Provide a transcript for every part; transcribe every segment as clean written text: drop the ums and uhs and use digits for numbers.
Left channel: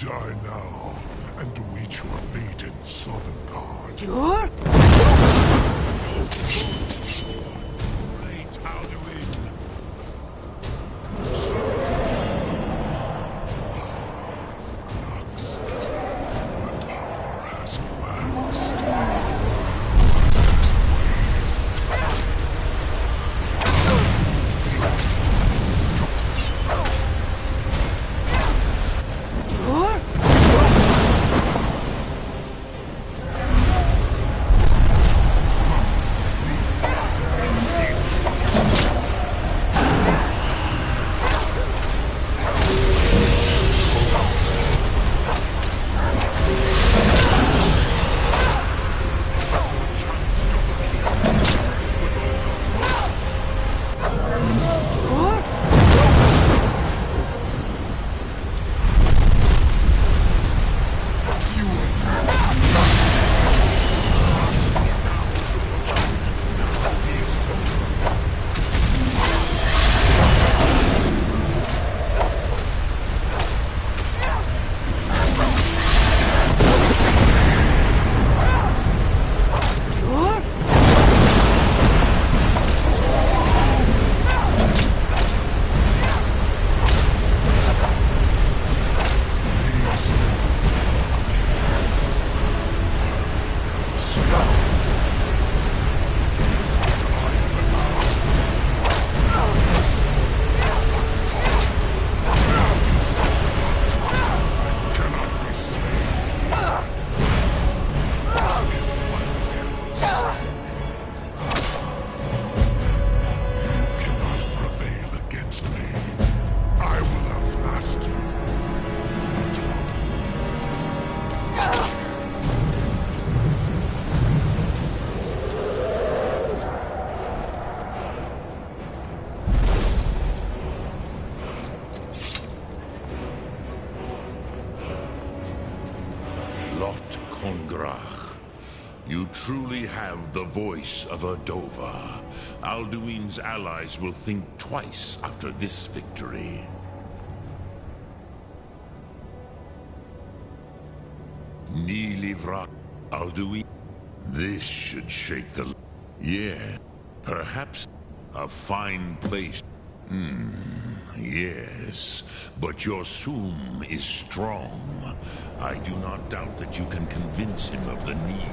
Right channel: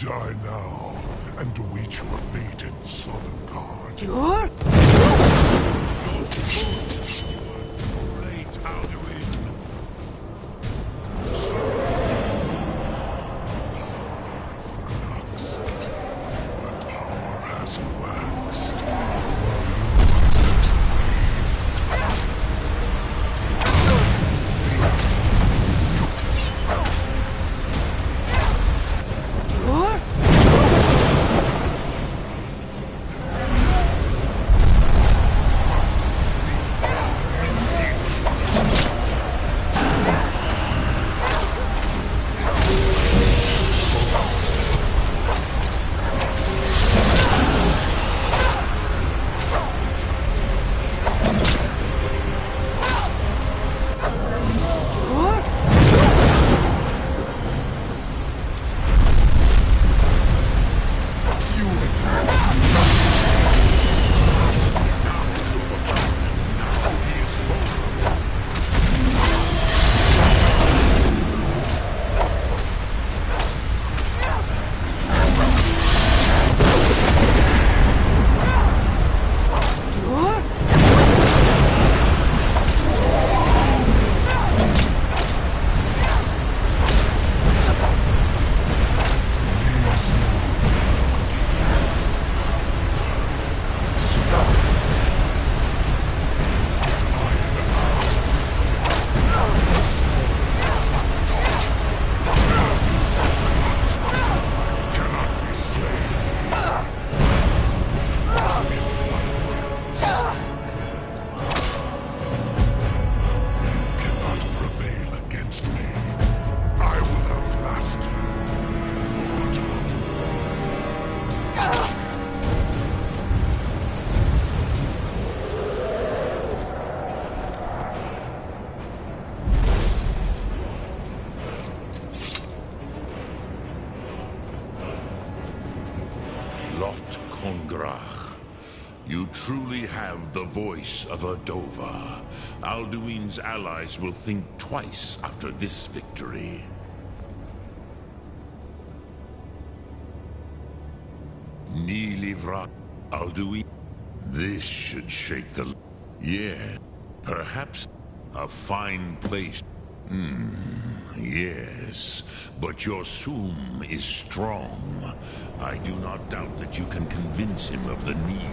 Die now, and await your fate in Sovngarde. Your Great Alduin! But power has waxed. You truly have the voice of a Dova. Alduin's allies will think twice after this victory. Ni livra Alduin. This should shake the... Yeah, perhaps a fine place. Yes, but your Sum is strong. I do not doubt that you can convince him of the need.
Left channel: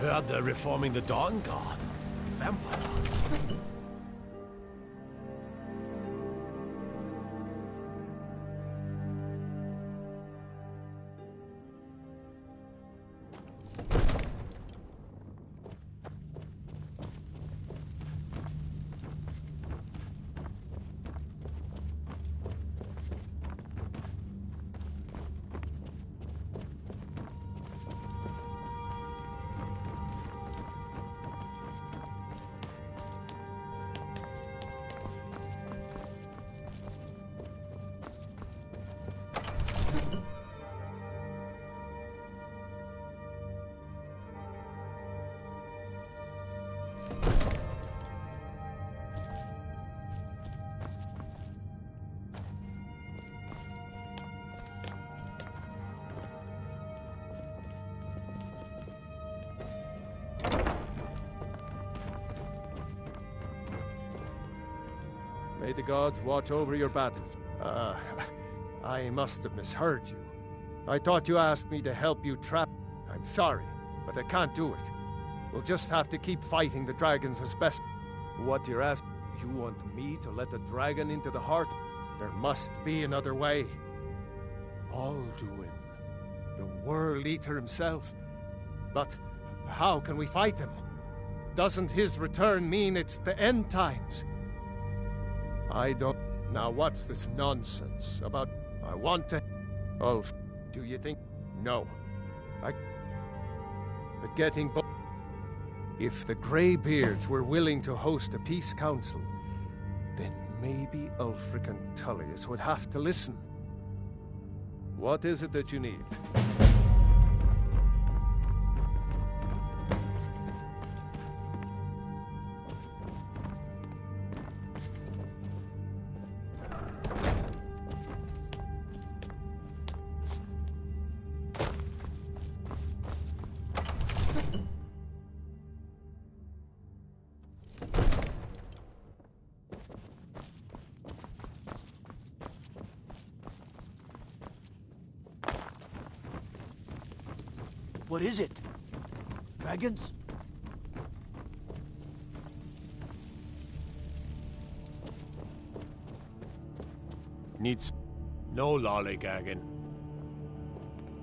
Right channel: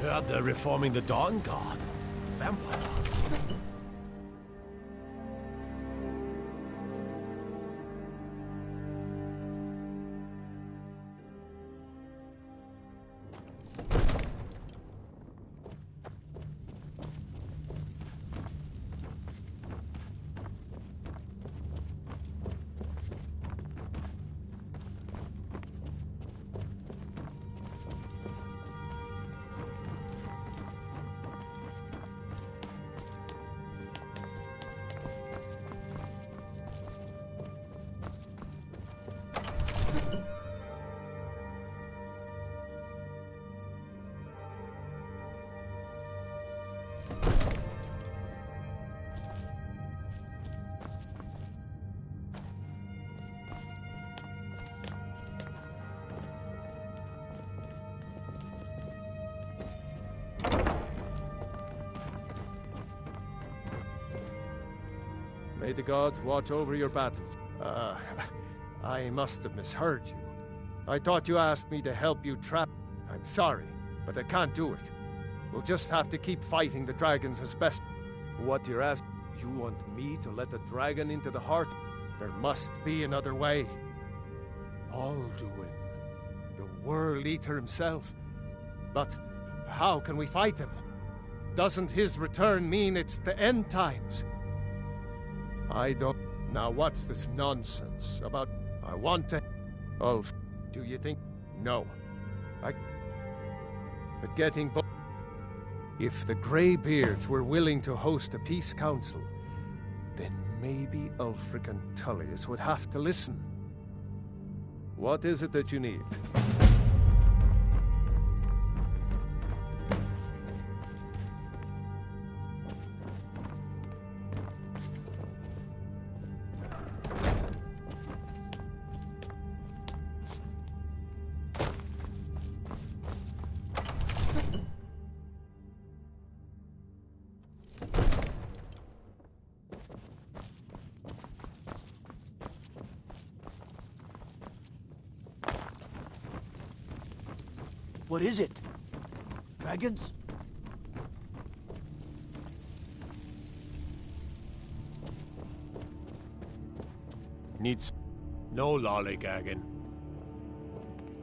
Heard they're reforming the Dawn Guard. Vampire. May the gods watch over your battles. I must have misheard you. I thought you asked me to help you trap... I'm sorry, but I can't do it. We'll just have to keep fighting the dragons as best... What you're asking? You want me to let the dragon into the heart? There must be another way. Alduin. The World Eater himself. But how can we fight him? Doesn't his return mean it's the end times? I don't... Now what's this nonsense about... I want to... Ulf, do you think... No. But getting... If the Greybeards were willing to host a peace council, then maybe Ulfric and Tullius would have to listen. What is it that you need? What is it? Dragons? Needs... No lollygagging.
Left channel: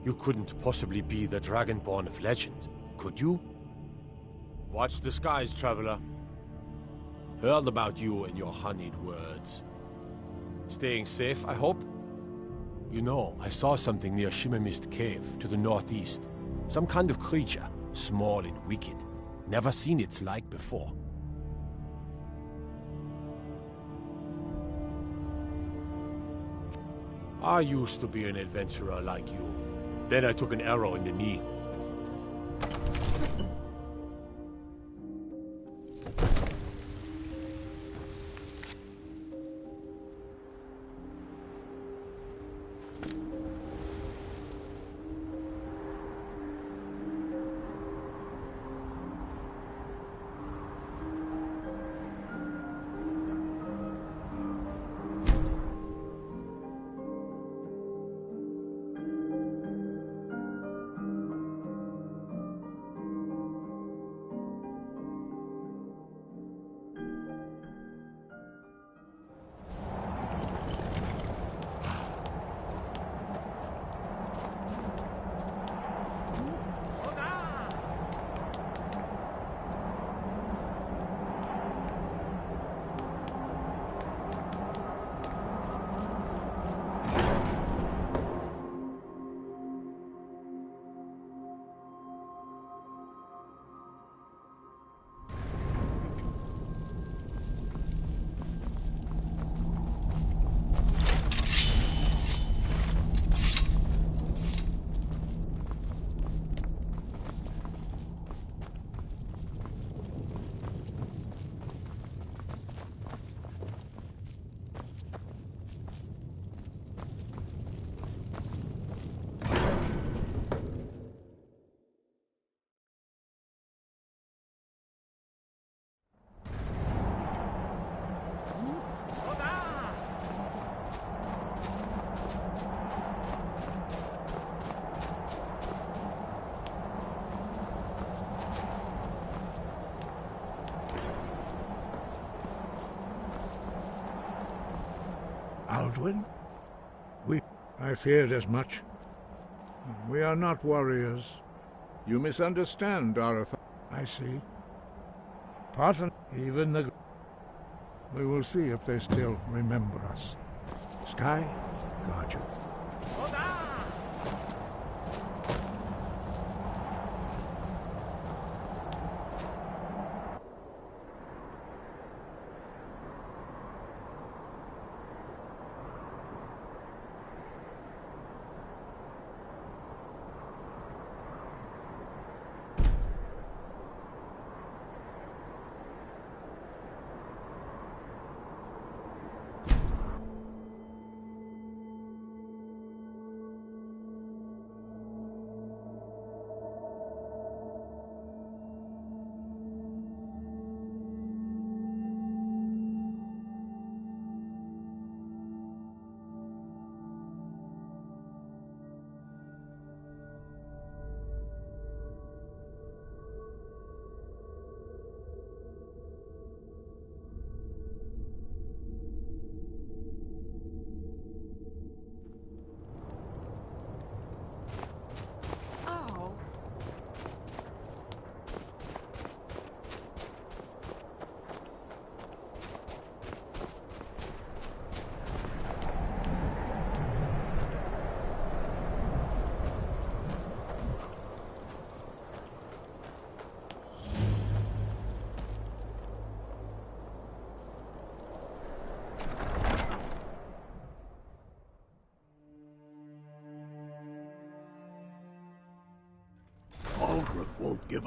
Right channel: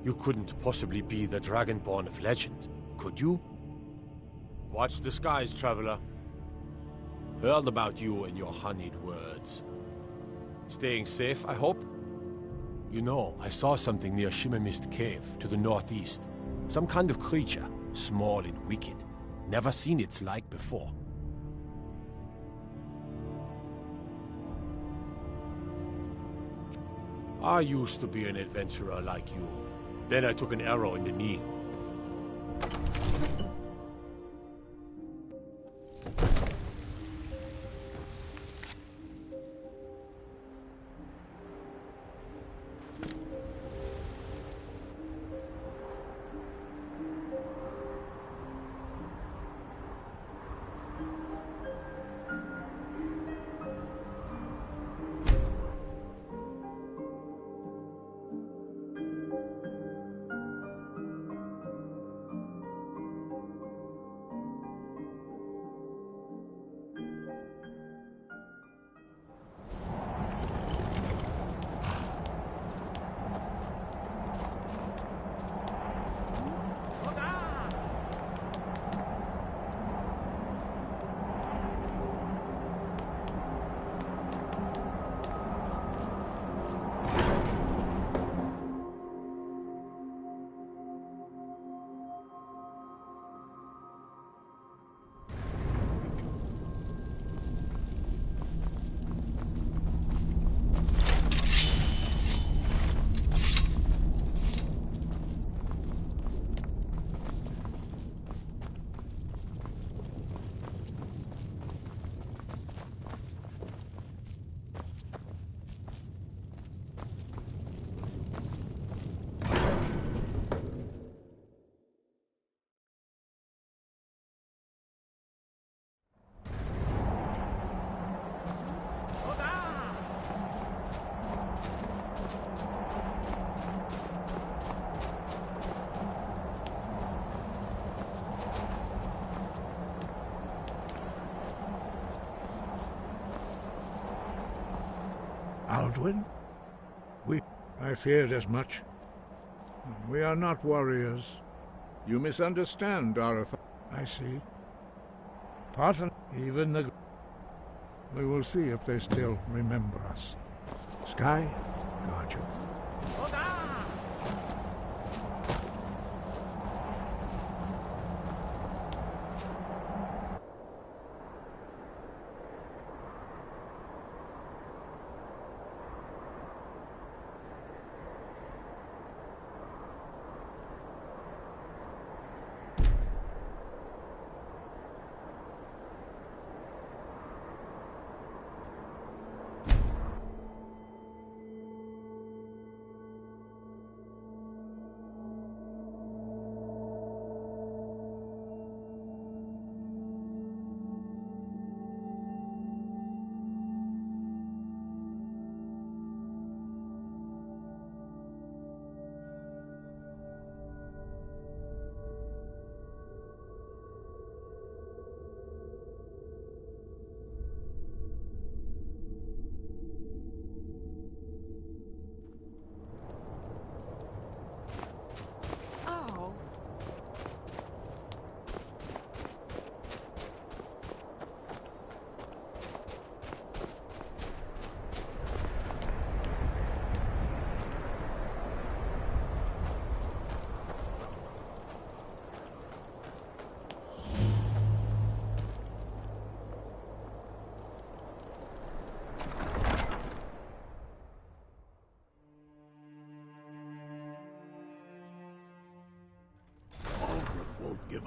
You couldn't possibly be the Dragonborn of legend, could you? Watch the skies, traveler. Heard about you and your honeyed words. Staying safe, I hope? You know, I saw something near Shimmermist Cave, to the northeast. Some kind of creature, small and wicked. Never seen its like before. I used to be an adventurer like you. Then I took an arrow in the knee. Aldwin? I feared as much. We are not warriors. You misunderstand our I see. Pardon, even the... We will see if they still remember us. Sky, guard you.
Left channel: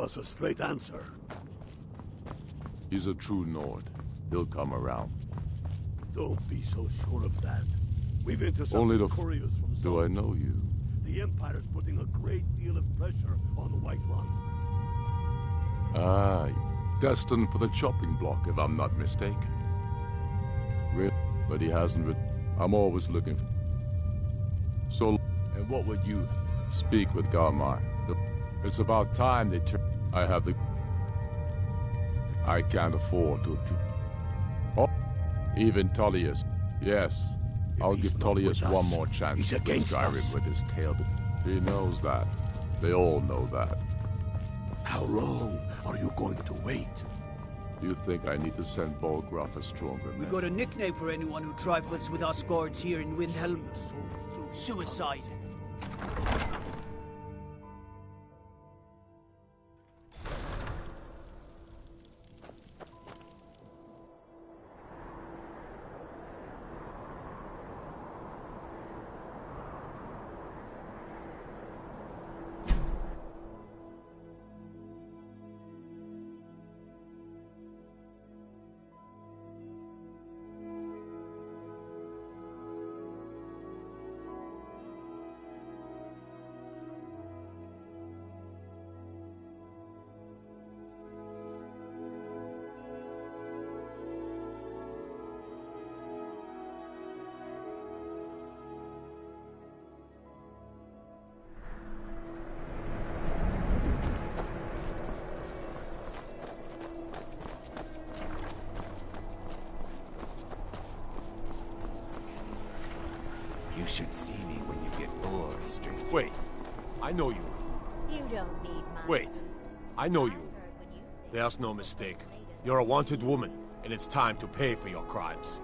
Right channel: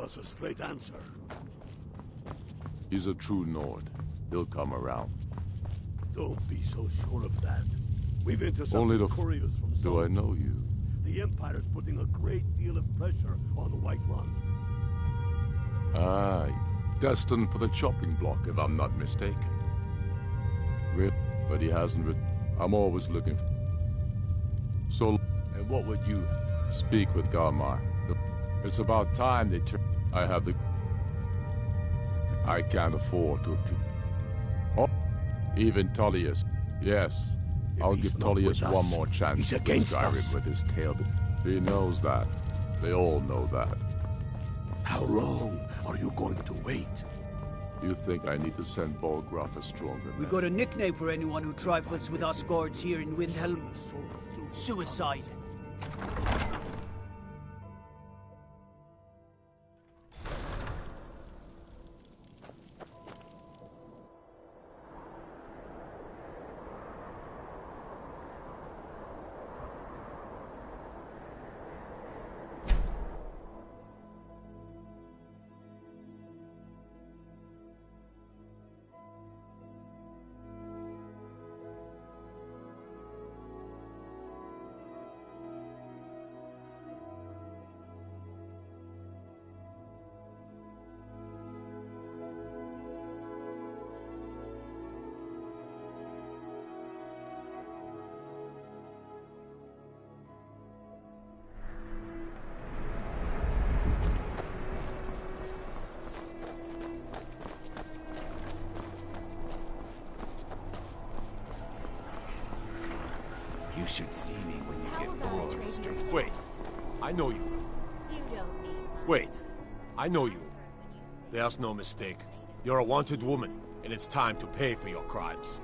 us a straight answer. He's a true Nord. He'll come around. Don't be so sure of that. We've Only intercepted couriers from do I Zone. know you? The Empire's putting a great deal of pressure on the White Run. Aye. Destined for the chopping block, if I'm not mistaken. Really? But he hasn't I'm always looking for... So, and what would you speak with Galmar? It's about time they turn... I have the... I can't afford to... Oh, even Tullius. Yes. I'll give Tullius one more chance He's to against Skyrim us. with his tail. He knows that. They all know that. How long are you going to wait? You think I need to send Bolgraf a stronger We got a nickname for anyone who trifles with us guards here in Windhelm. Suicide. You should see me when you get bored, Strict. Wait. I know you. You don't need my Wait. I know you. There's no mistake. You're a wanted woman, and it's time to pay for your crimes.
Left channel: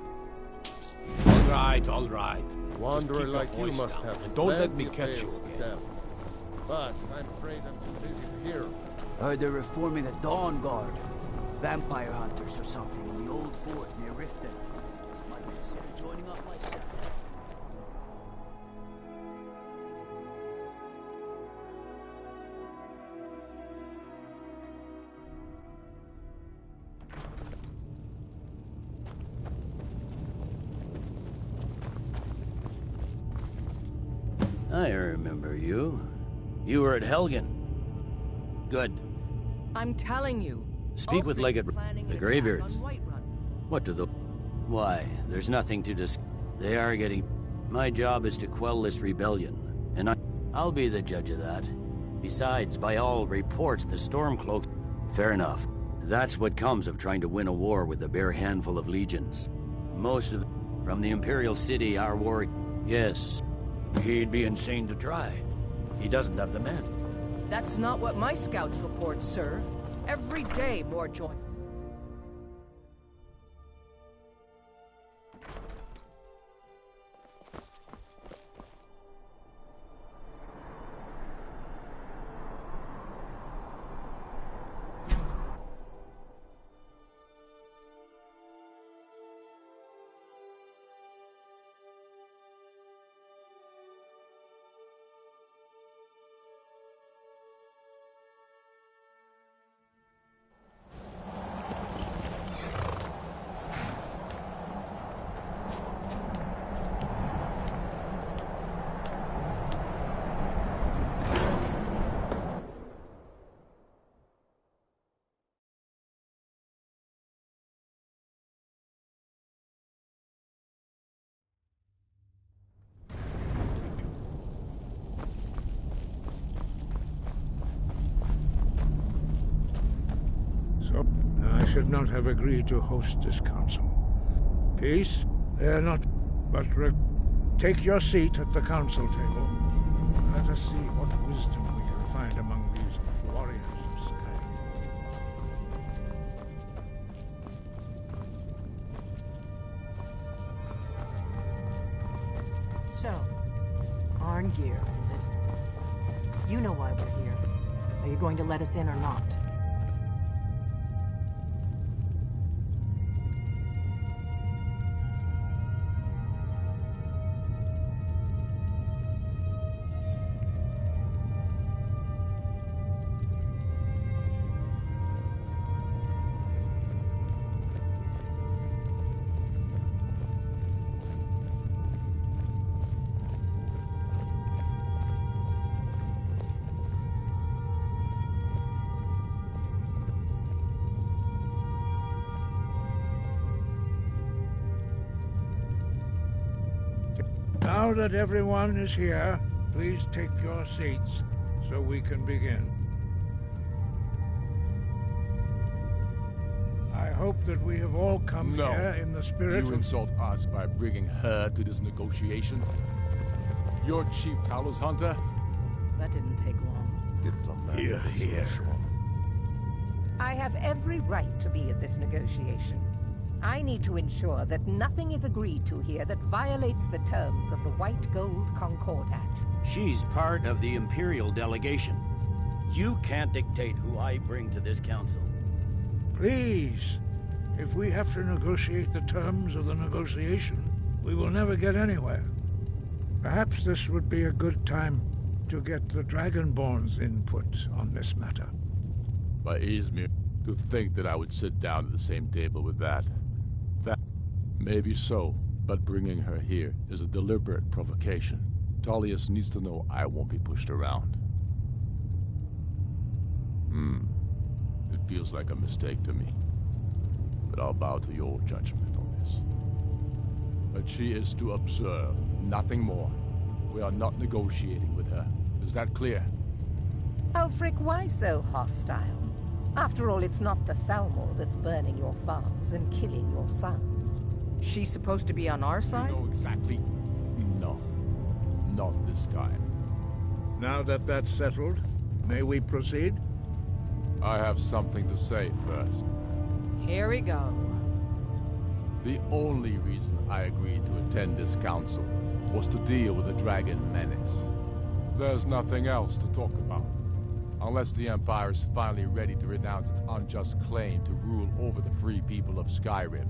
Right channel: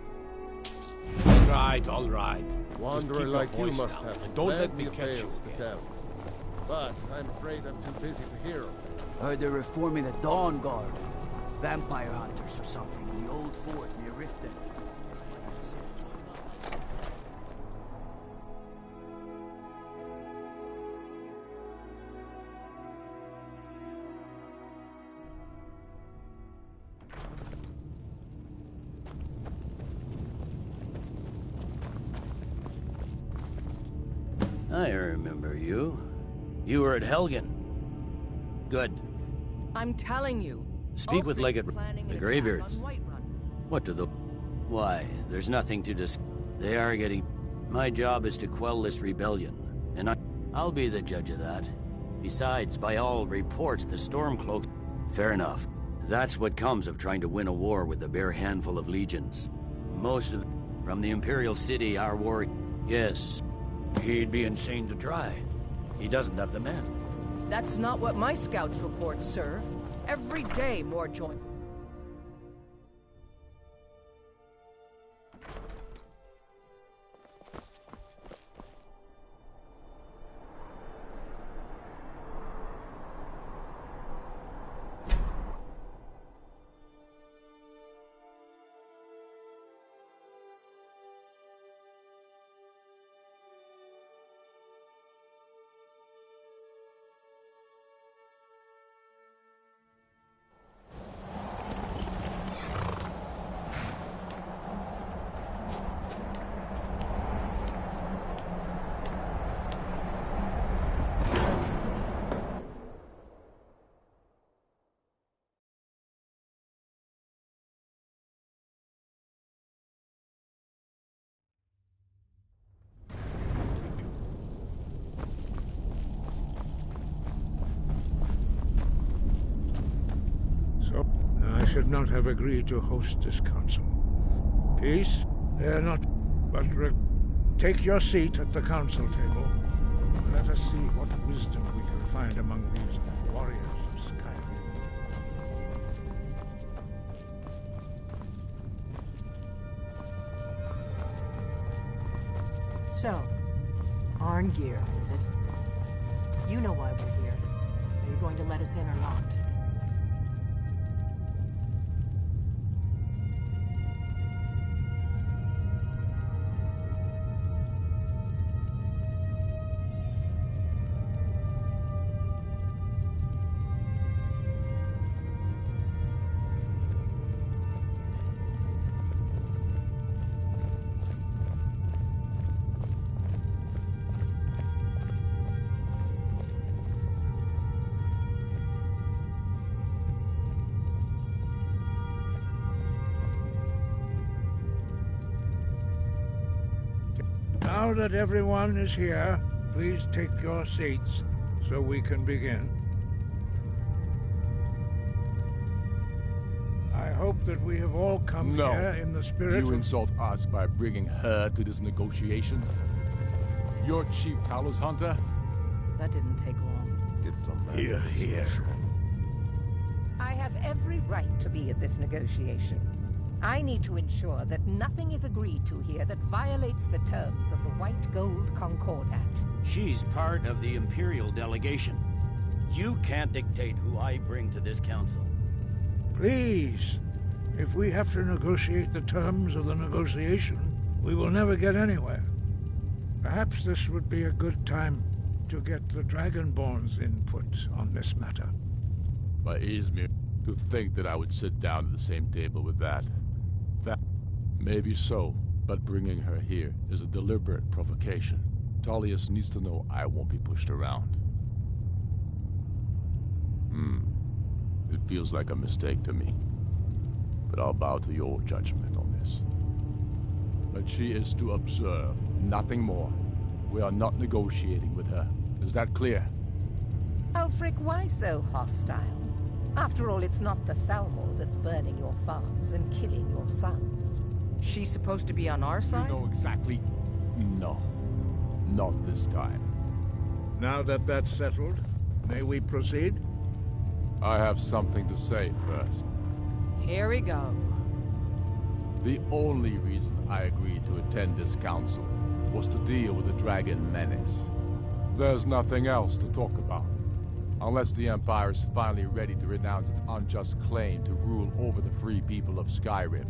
All right, all right. Wanderer like you must down, have and don't let me plenty of catch you tales to again. tell. But I'm afraid I'm too busy to hear them. Heard they're reforming the Dawn Guard. Vampire hunters or something in the old fort near Riften. Might consider joining up myself. I remember you. You were at Helgen. Good. I'm telling you. Speak with Ulfric's Legate planning the an attack Greybeards. on Whiterun. What do the... Why, there's nothing to discuss. They are getting... My job is to quell this rebellion, and I'll be the judge of that. Besides, by all reports, the Stormcloaks... Fair enough. That's what comes of trying to win a war with a bare handful of legions. Most of... From the Imperial City, our war... Yes. He'd be insane to try. He doesn't have the men. That's not what my scouts report, sir. Every day more join. So, I should not have agreed to host this council. Peace? They're not... But take your seat at the council table. Let us see what wisdom we can find among these warriors of Skyrim. So, Arngeir, is it? You know why we're here. Are you going to let us in or not? Now that everyone is here, please take your seats so we can begin. I hope that we have all come here in the spirit You of... insult us by bringing her to this negotiation? You're Chief Talos Hunter? That didn't take long. Diplomatic. Here. I have every right to be at this negotiation. I need to ensure that nothing is agreed to here that violates the terms of the White Gold Concordat. She's part of the Imperial delegation. You can't dictate who I bring to this council. Please, if we have to negotiate the terms of the negotiation, we will never get anywhere. Perhaps this would be a good time to get the Dragonborn's input on this matter. By Izmir, to think that I would sit down at the same table with that. That may be so, but bringing her here is a deliberate provocation. Tullius needs to know I won't be pushed around. It feels like a mistake to me, but I'll bow to your judgment on this. But she is to observe, nothing more. We are not negotiating with her. Is that clear? Ulfric, why so hostile? After all, it's not the Thalmor that's burning your farms and killing your sons. She's supposed to be on our side? You know exactly... No. Not this time. Now that that's settled, may we proceed? I have something to say first. Here we go. The only reason I agreed to attend this council was to deal with the dragon menace. There's nothing else to talk about. Unless the Empire is finally ready to renounce its unjust claim to rule over the free people of Skyrim.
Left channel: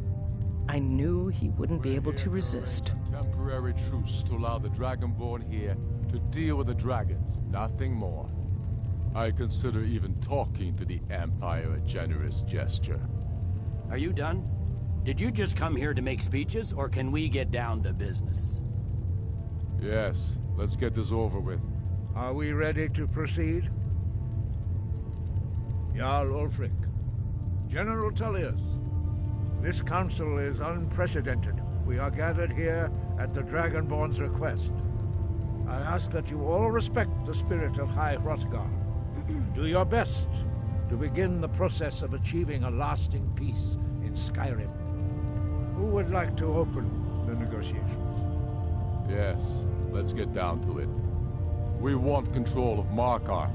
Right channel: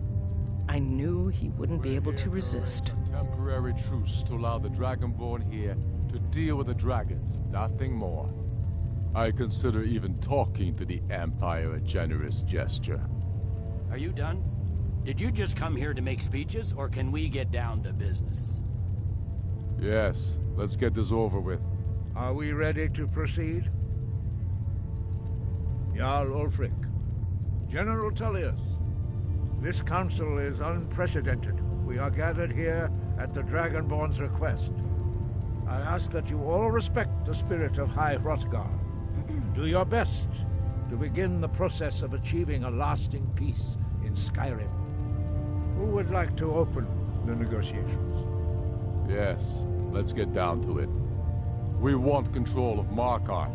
I knew he wouldn't be able to resist. A temporary truce to allow the Dragonborn here to deal with the dragons, nothing more. I consider even talking to the Empire a generous gesture. Are you done? Did you just come here to make speeches, or can we get down to business? Yes, let's get this over with. Are we ready to proceed? Jarl Ulfric, General Tullius, this council is unprecedented. We are gathered here at the Dragonborn's request. I ask that you all respect the spirit of High Hrothgar. Do your best to begin the process of achieving a lasting peace in Skyrim. Who would like to open the negotiations? Yes, let's get down to it. We want control of Markarth.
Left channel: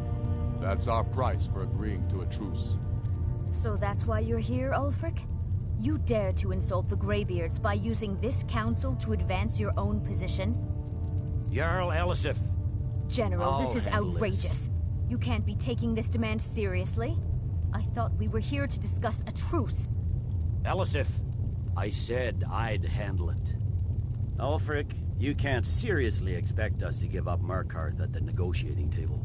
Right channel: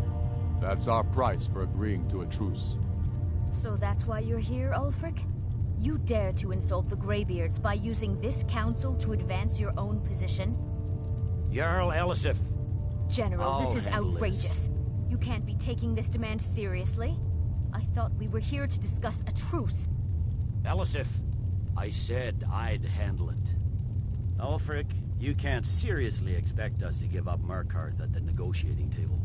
That's our price for agreeing to a truce. So that's why you're here, Ulfric? You dare to insult the Greybeards by using this council to advance your own position? Jarl Elisif. General, this is outrageous. You can't be taking this demand seriously. I thought we were here to discuss a truce. Elisif, I said I'd handle it. Ulfric, you can't seriously expect us to give up Markarth at the negotiating table.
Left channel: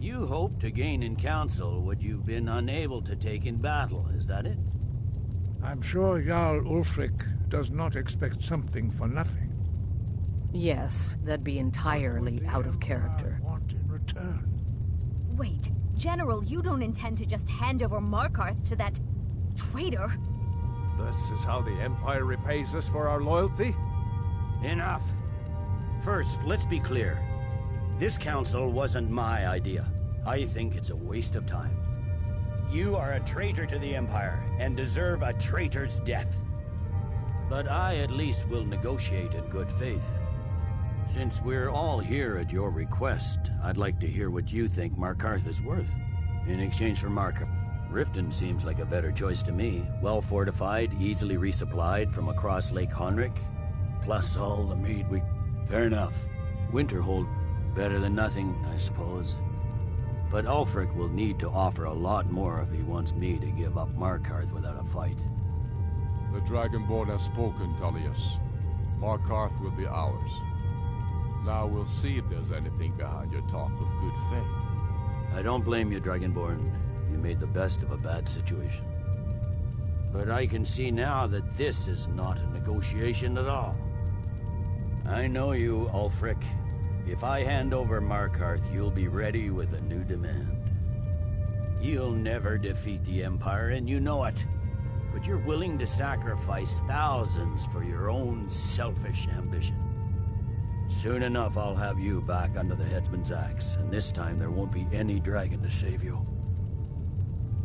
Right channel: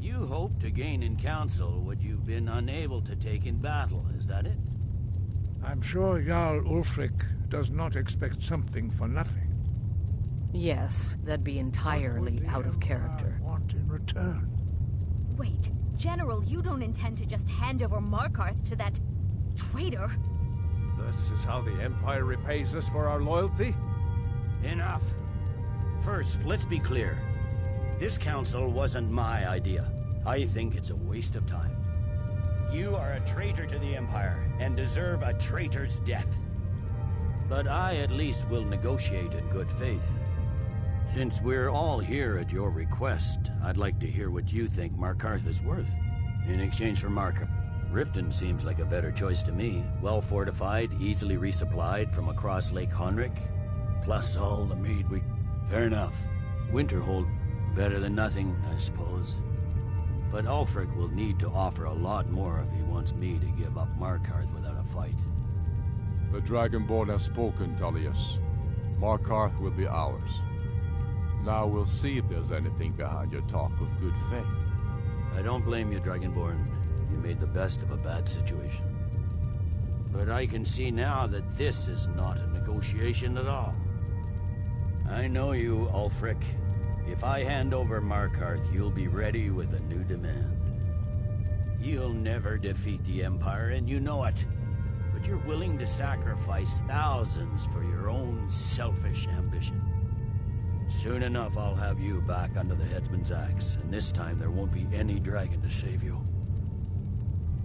You hoped to gain in council what you've been unable to take in battle, is that it? I'm sure Jarl Ulfric does not expect something for nothing. Yes, that'd be entirely out of character. What want in return? Wait, General, you don't intend to just hand over Markarth to that traitor? This is how the Empire repays us for our loyalty? Enough. First, let's be clear. This council wasn't my idea. I think it's a waste of time. You are a traitor to the Empire, and deserve a traitor's death. But I at least will negotiate in good faith. Since we're all here at your request, I'd like to hear what you think Markarth is worth. In exchange for Markarth, Riften seems like a better choice to me. Well fortified, easily resupplied from across Lake Honric. Plus all the mead we... Fair enough. Winterhold, better than nothing, I suppose. But Ulfric will need to offer a lot more if he wants me to give up Markarth without a fight. The Dragonborn has spoken, Tullius. Markarth will be ours. Now we'll see if there's anything behind your talk of good faith. I don't blame you, Dragonborn. You made the best of a bad situation. But I can see now that this is not a negotiation at all. I know you, Ulfric. If I hand over Markarth, you'll be ready with a new demand. You'll never defeat the Empire, and you know it. But you're willing to sacrifice thousands for your own selfish ambition. Soon enough, I'll have you back under the headsman's axe, and this time there won't be any dragon to save you.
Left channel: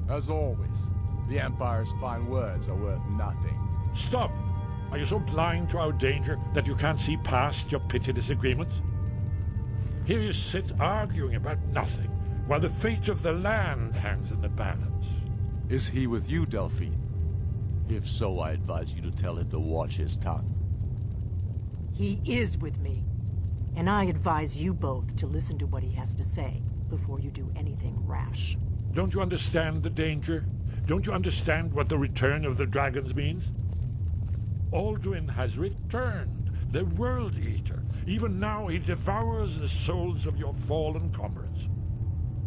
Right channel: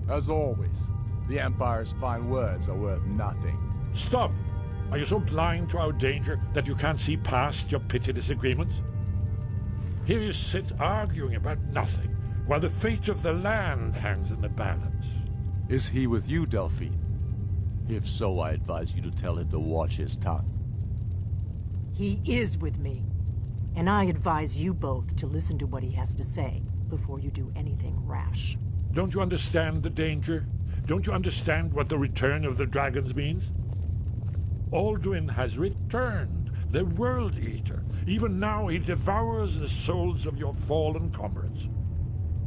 As always, the Empire's fine words are worth nothing. Stop! Are you so blind to our danger that you can't see past your petty disagreements? Here you sit arguing about nothing, while the fate of the land hangs in the balance. Is he with you, Delphine? If so, I advise you to tell him to watch his tongue. He is with me. And I advise you both to listen to what he has to say before you do anything rash. Don't you understand the danger? Don't you understand what the return of the dragons means? Alduin has returned, the World Eater. Even now he devours the souls of your fallen comrades.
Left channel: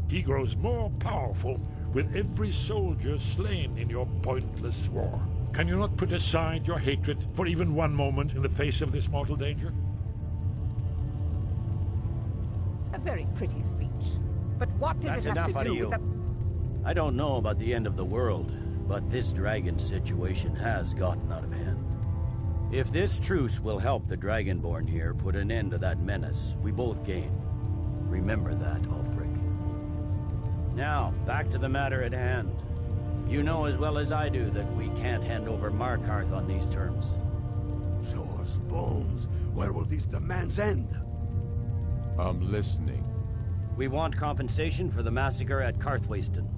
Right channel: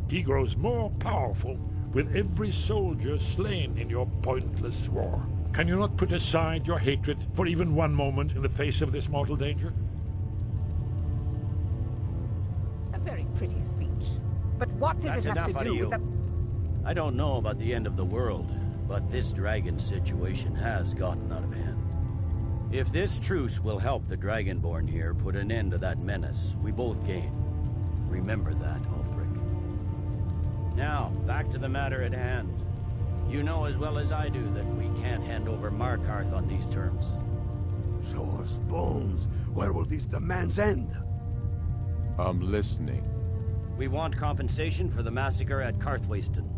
He grows more powerful with every soldier slain in your pointless war. Can you not put aside your hatred for even one moment in the face of this mortal danger? A very pretty speech. But what does it have to do with the... I don't know about the end of the world, but this dragon situation has gotten out of hand. If this truce will help the Dragonborn here put an end to that menace, we both gain. Remember that, Ulfric. Now, back to the matter at hand. You know as well as I do that we can't hand over Markarth on these terms. Show us bones. Where will these demands end? I'm listening. We want compensation for the massacre at Karthwasten.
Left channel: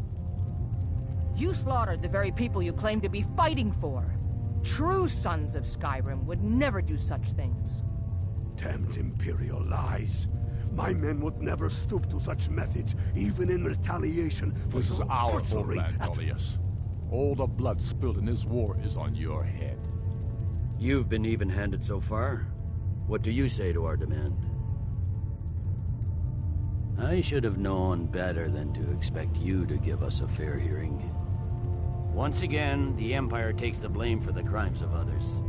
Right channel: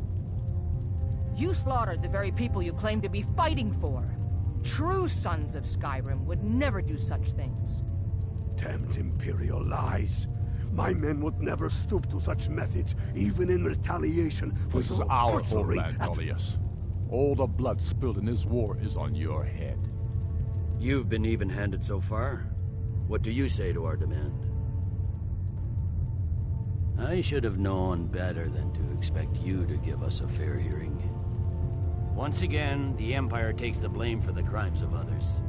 You slaughtered the very people you claim to be fighting for. True sons of Skyrim would never do such things. Damned Imperial lies. My men would never stoop to such methods, even in retaliation for This is your our butchery homeland, at- Tullius. All the blood spilled in this war is on your head. You've been even-handed so far. What do you say to our demand? I should have known better than to expect you to give us a fair hearing. Once again, the Empire takes the blame for the crimes of others.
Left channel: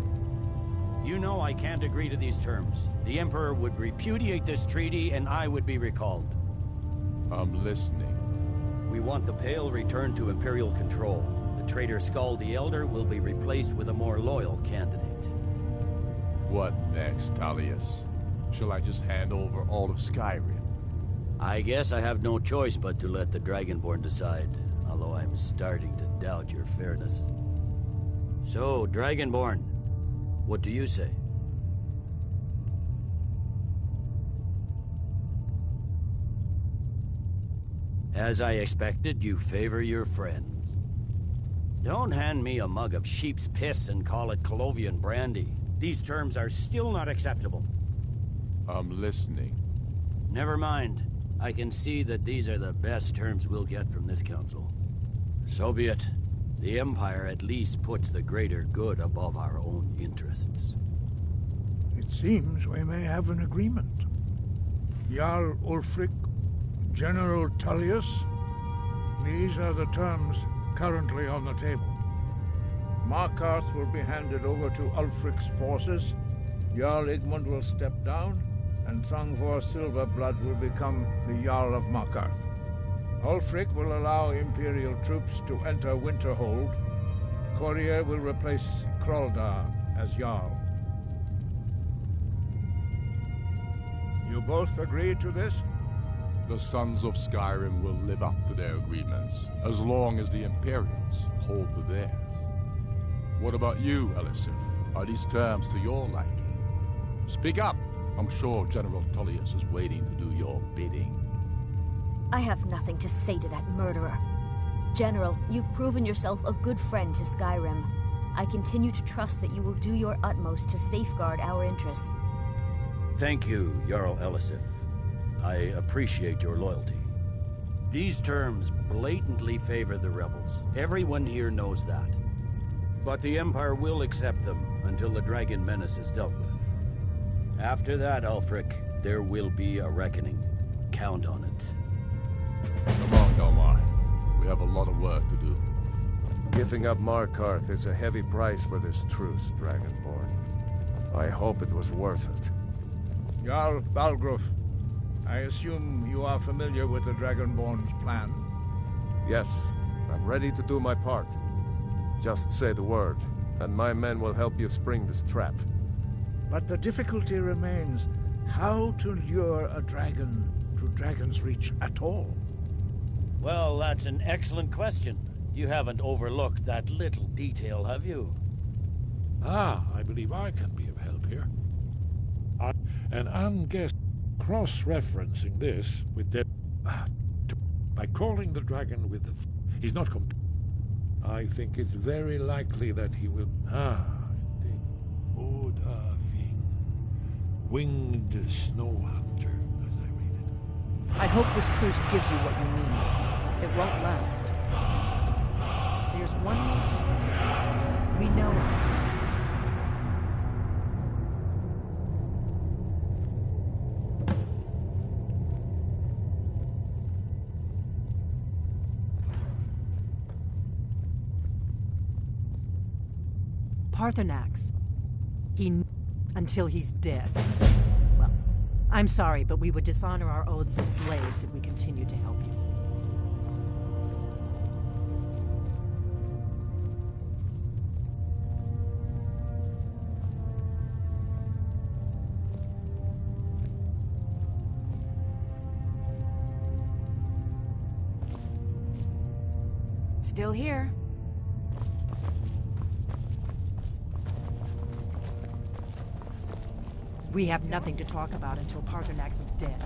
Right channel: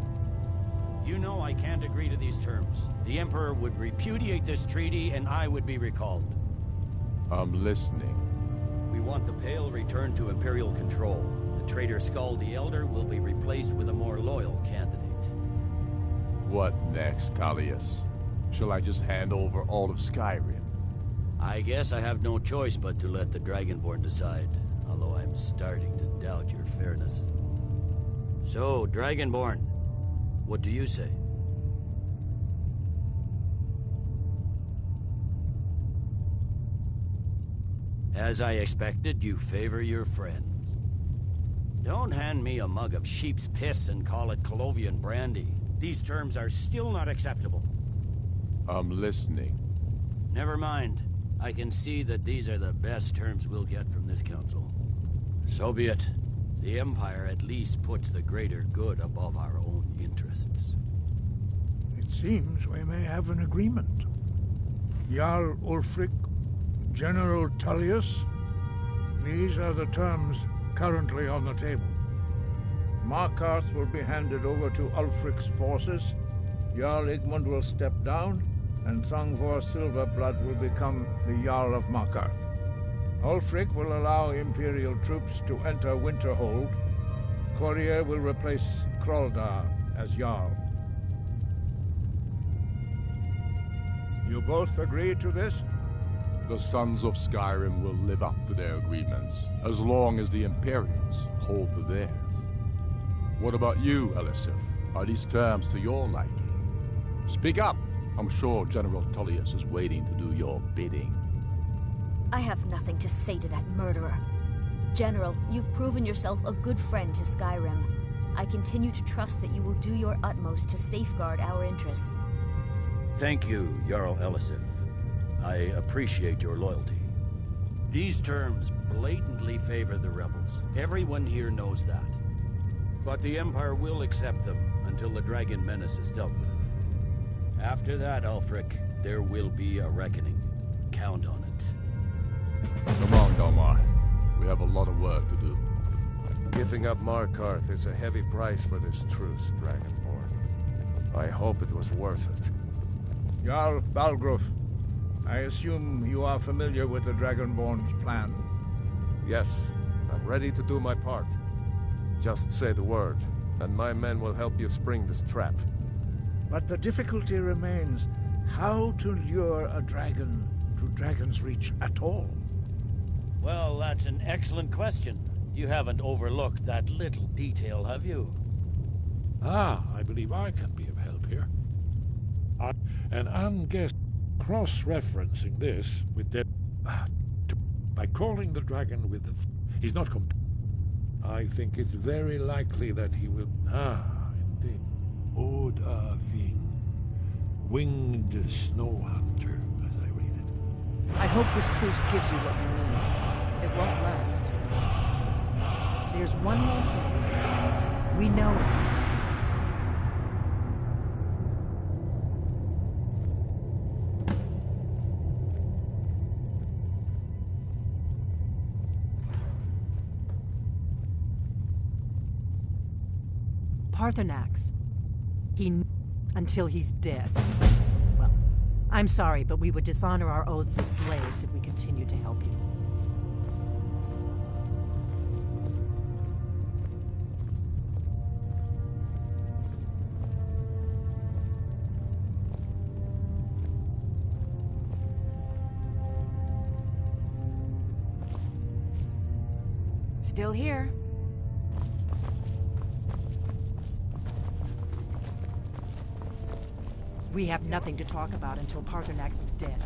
You know I can't agree to these terms. The Emperor would repudiate this treaty and I would be recalled. I'm listening. We want the Pale returned to Imperial control. The traitor Skull the Elder will be replaced with a more loyal candidate. What next, Tullius? Shall I just hand over all of Skyrim? I guess I have no choice but to let the Dragonborn decide, although I'm starting to doubt your fairness. So, Dragonborn, what do you say? As I expected, you favor your friends. Don't hand me a mug of sheep's piss and call it Colovian brandy. These terms are still not acceptable. I'm listening. Never mind. I can see that these are the best terms we'll get from this council. So be it. The Empire at least puts the greater good above our own interests. It seems we may have an agreement. Jarl Ulfric, General Tullius, these are the terms currently on the table. Markarth will be handed over to Ulfric's forces, Jarl Igmund will step down, and Thongvor Silverblood will become the Jarl of Markarth. Ulfric will allow Imperial troops to enter Winterhold. Courier will replace Kraldar as Jarl. You both agree to this? The Sons of Skyrim will live up to their agreements, as long as the Imperials hold to theirs. What about you, Elisif? Are these terms to your liking? Speak up! I'm sure General Tullius is waiting to do your bidding. I have nothing to say to that murderer. General, you've proven yourself a good friend to Skyrim. I continue to trust that you will do your utmost to safeguard our interests. Thank you, Jarl Elisif. I appreciate your loyalty. These terms blatantly favor the rebels. Everyone here knows that. But the Empire will accept them until the Dragon Menace is dealt with. After that, Ulfric, there will be a reckoning. Count on it. Come on, Galmar. We have a lot of work to do. Giving up Markarth is a heavy price for this truce, Dragonborn. I hope it was worth it. Jarl Balgruf, I assume you are familiar with the Dragonborn's plan? Yes, I'm ready to do my part. Just say the word, and my men will help you spring this trap. But the difficulty remains, how to lure a dragon to Dragon's Reach at all? Well, that's an excellent question. You haven't overlooked that little detail, have you? I believe I can be of help here. And I'm guessing cross-referencing this with by calling the dragon with the... He's not I think it's very likely that he will... indeed. Odaving. Winged snow hunter, as I read it. I hope this truce gives you what you need. It won't last. There's one more thing. We know about Parthenax. Until he's dead. Well, I'm sorry, but we would dishonor our oaths as blades if we continued to help you. Still here. We have nothing to talk about until Parthenax is dead.